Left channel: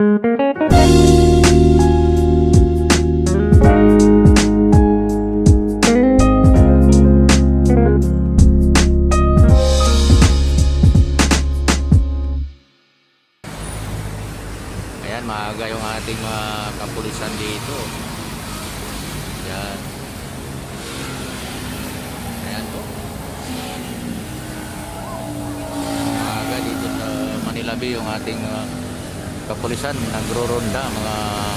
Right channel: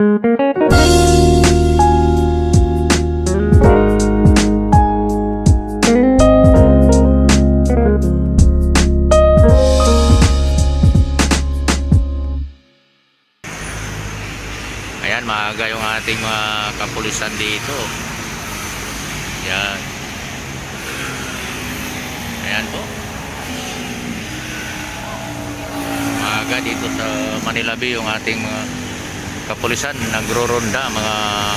Ayan, maaga yung ating mga kapulisan dito. Ayan. Ayan po. Maaga dito sa Manila Bay yung ating mga kapulisan nagro-ronda, mga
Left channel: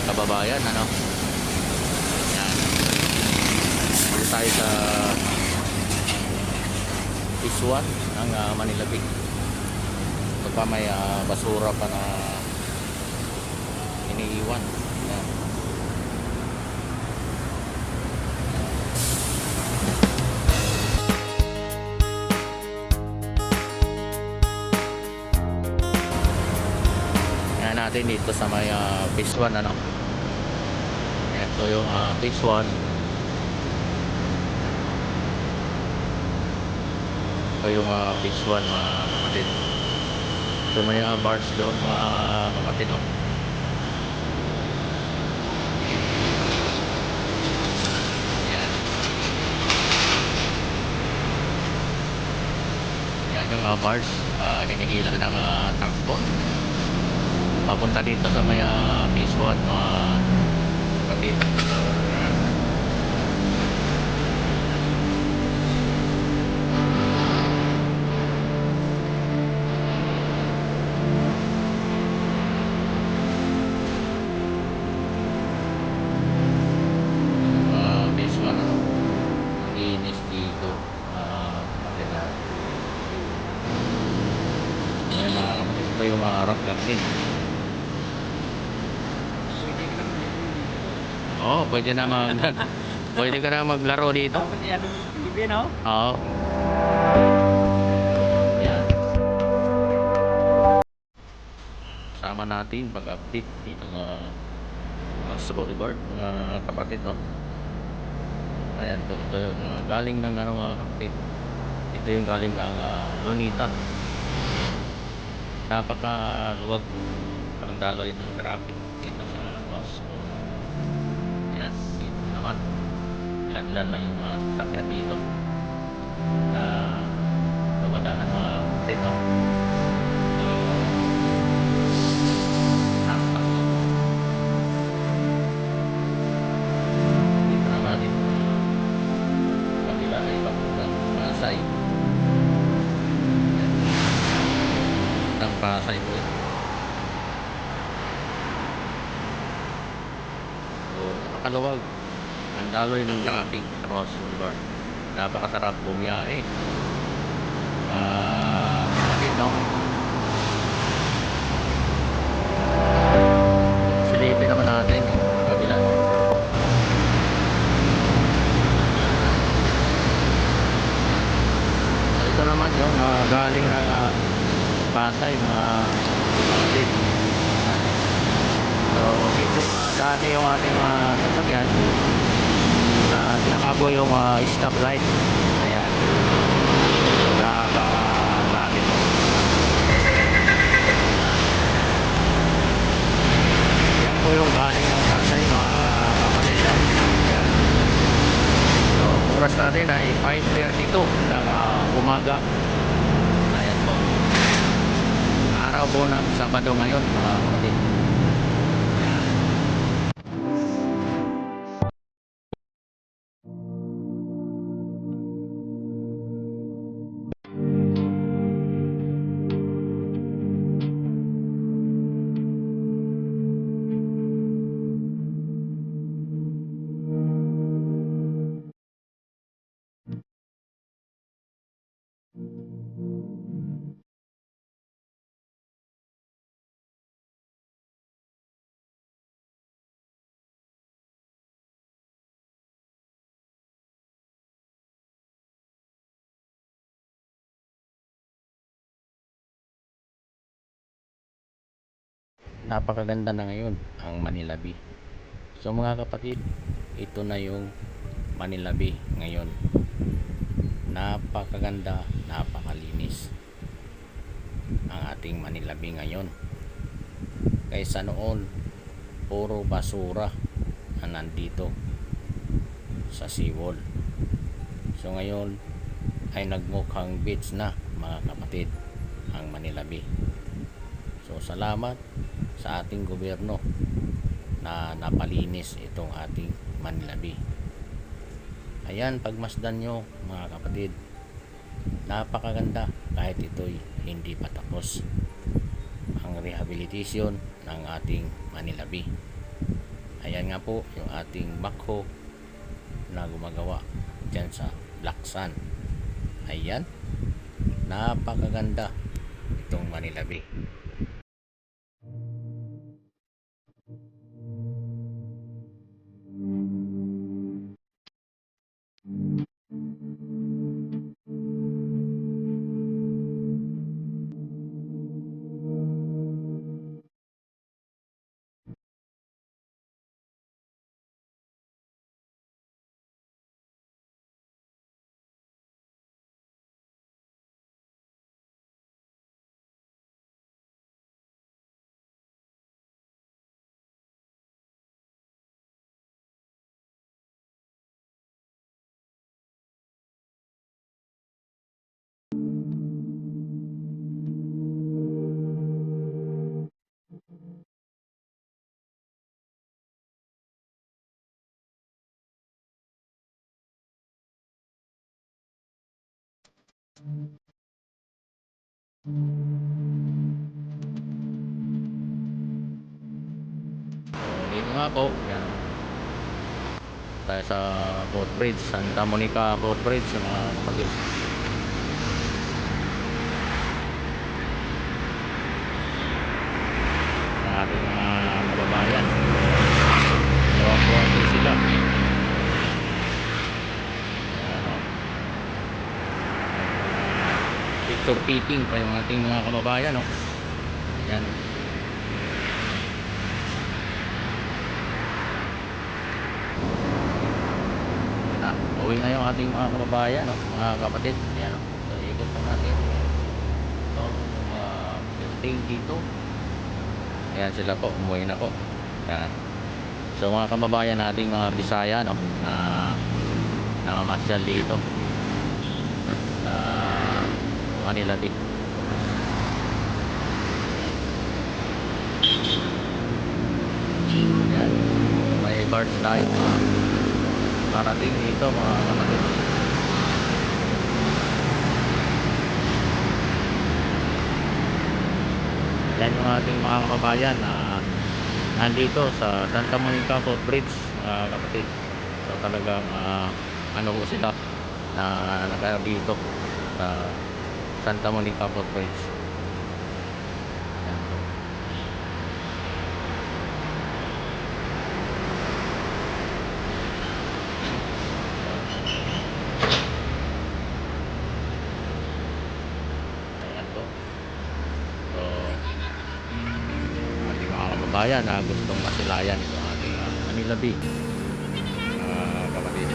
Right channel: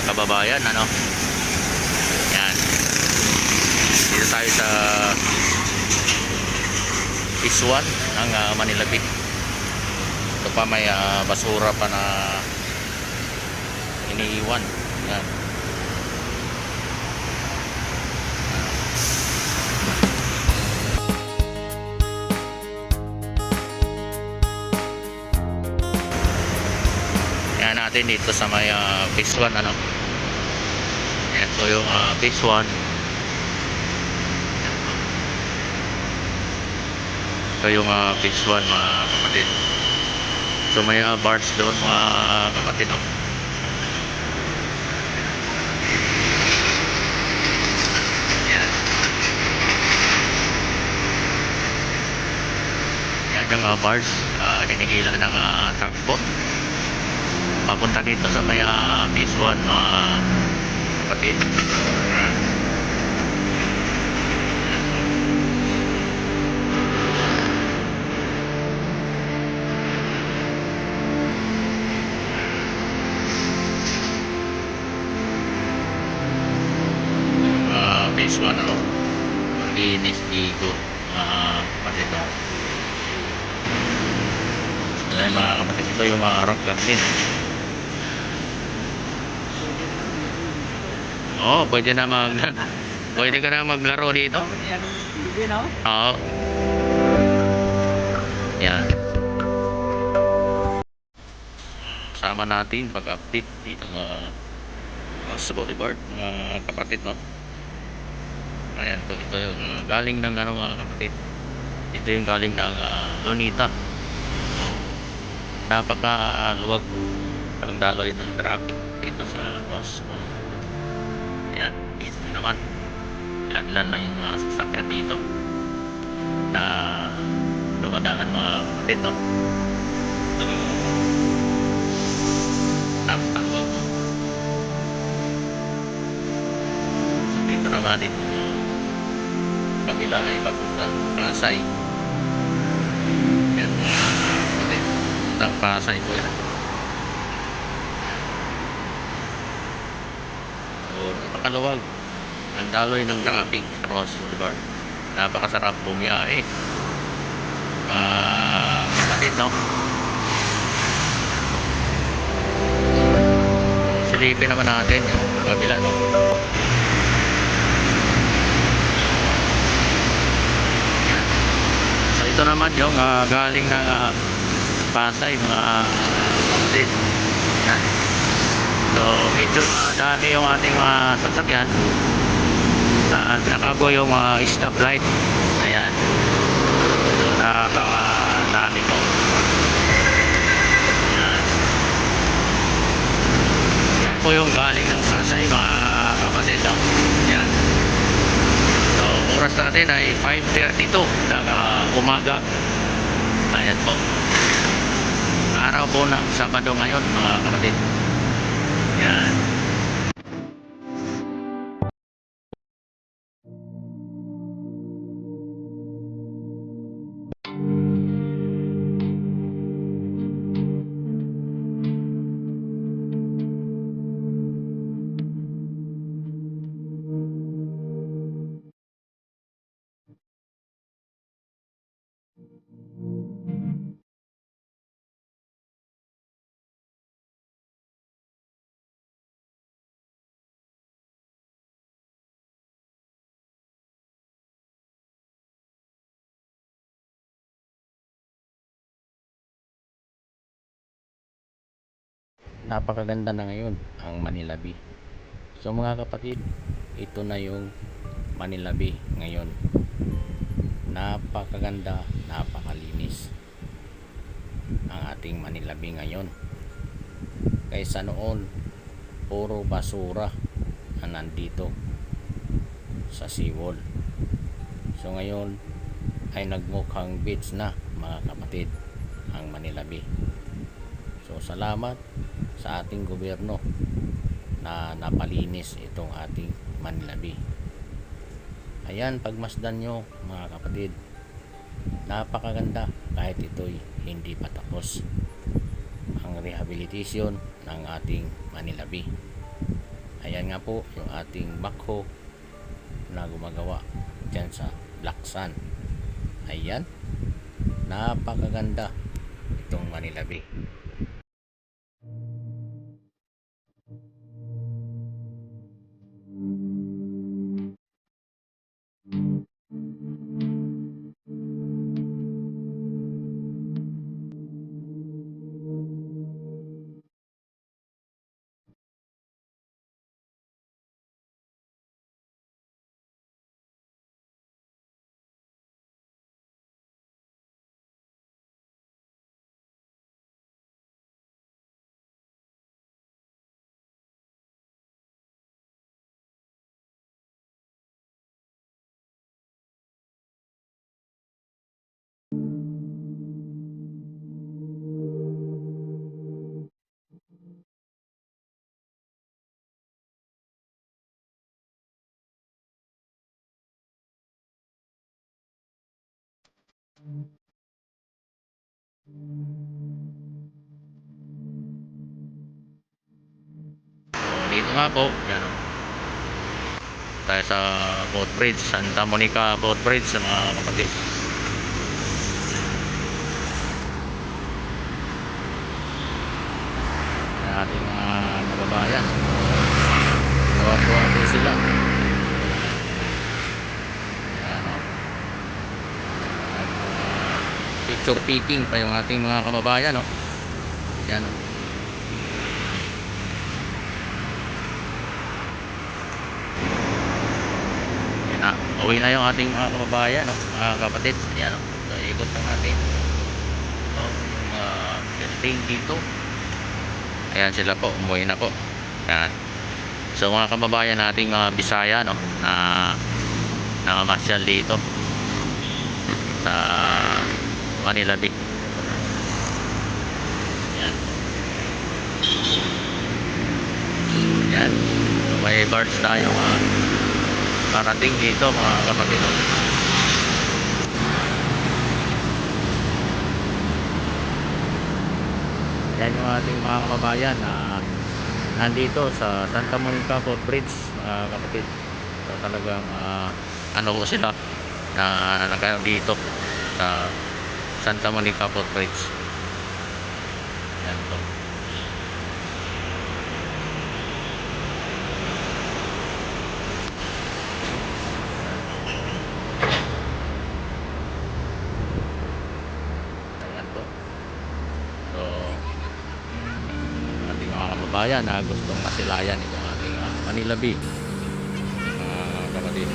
kababayan, ano. Ayan. Dito tayo sa Phase 1 ng Manila Bay. Ito pa may basura pa na iniiwan. Yan. Yan natin dito sa may Phase 1, ano. Ito yung Phase 1. Ito yung Phase 1, mga kapatid. So may bars doon, mga kapatid, no? Yung bars, kinikilan ng takbo papunta dito sa may Phase 1, mga kapatid. Phase 1, ano, linis dito, kapatid, no? Ayan, mga kapatid, ito yung mga rock garden. Oh, pwede na pwede ka na maglaro dito. Oo. Yan. Sama natin pag-update dito sa boulevard, mga kapatid, no. Ayan, ito yung galing ng ano, mga kapatid. Ito yung galing ng Lunita. Napaka-luwag ang daloy ng traffic dito sa Boston. Ayan, dito naman. Ilan-ilan lang yung mga sasakyan dito na dumadaan, mga kapatid, no. Ito yung napakaluwag. So, dito naman dito kabila ay papunta Pasay. Yan, ng Pasay po yan. So, napakaluwag ang daloy ng traffic sa Ross Boulevard. Napakasarap bumiyahe, kapatid, no. Silipin naman natin yung kabila, no. So ito naman yung galing na Pasay, mga kapatid. Yan. So medyo dami yung ating mga sasakyan at nakabo yung stoplight. Ayan. So napakadami po. Yan po yung galing ng Pasay, mga kapatid. Yan. So oras natin ay 5:32 ng umaga. Ayan po. Araw po ng Sabado ngayon, mga kapatid. Yan. Napakaganda na ngayon ang Manila Bay. So mga kapatid, ito na yung Manila Bay ngayon. Napakaganda, napakalinis ang ating Manila Bay ngayon. kaysa noon puro basura na nandito sa seawall. So ngayon ay nagmukhang beach na mga kapatid ang Manila Bay. So salamat sa ating gobyerno na napalinis itong ating Manila Bay. Ayan, pagmasdan nyo mga kapatid, napakaganda kahit ito'y hindi pa tapos ang rehabilitation ng ating Manila Bay. Ayan nga po yung ating backhoe na gumagawa dyan sa Black Sand. Ayan, napakaganda itong Manila Bay. So dito nga po, yan, tayo sa boat bridge, Santa Monica boat bridge mga kapatid. Ang ating mga kababayan, tuwa-tuwa din sila. Ayan, o. At picture taking pa yung ating mga kababayan, o. Ayan, o. Ayan na, uwi na yung ating mga kababayan, o, mga kapatid. Ayan, o. So, ikot na natin. So, yung building dito. Ayan sila po, umuwi na po. Ayan. So mga kababayan nating mga Bisaya, no, na namamasyal dito sa Manila Bay. Ayan. Ayan. So, may barge tayo parating dito mga kapatid. Yan yung ating mga kababayan na nandito sa Santa Monica Port Bridge mga kapatid. So talagang ano po sila na nagkaroon dito sa Santa Monica Port Bridge. Yan po. Yan po. Ayan po. So ating mga kababayan na gustong masilayan itong ating Manila Bay kapatid.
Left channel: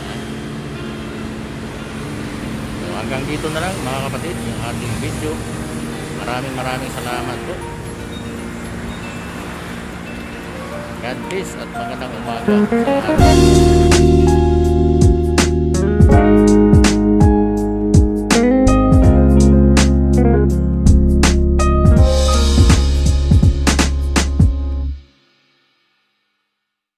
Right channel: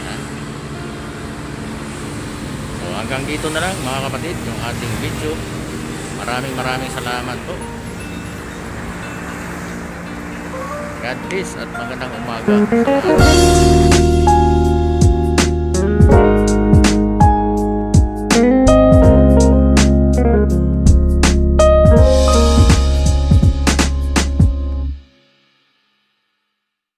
Ayan. So hanggang dito na lang mga kapatid yung ating video. Maraming salamat po. God bless at magandang umaga sa lahat.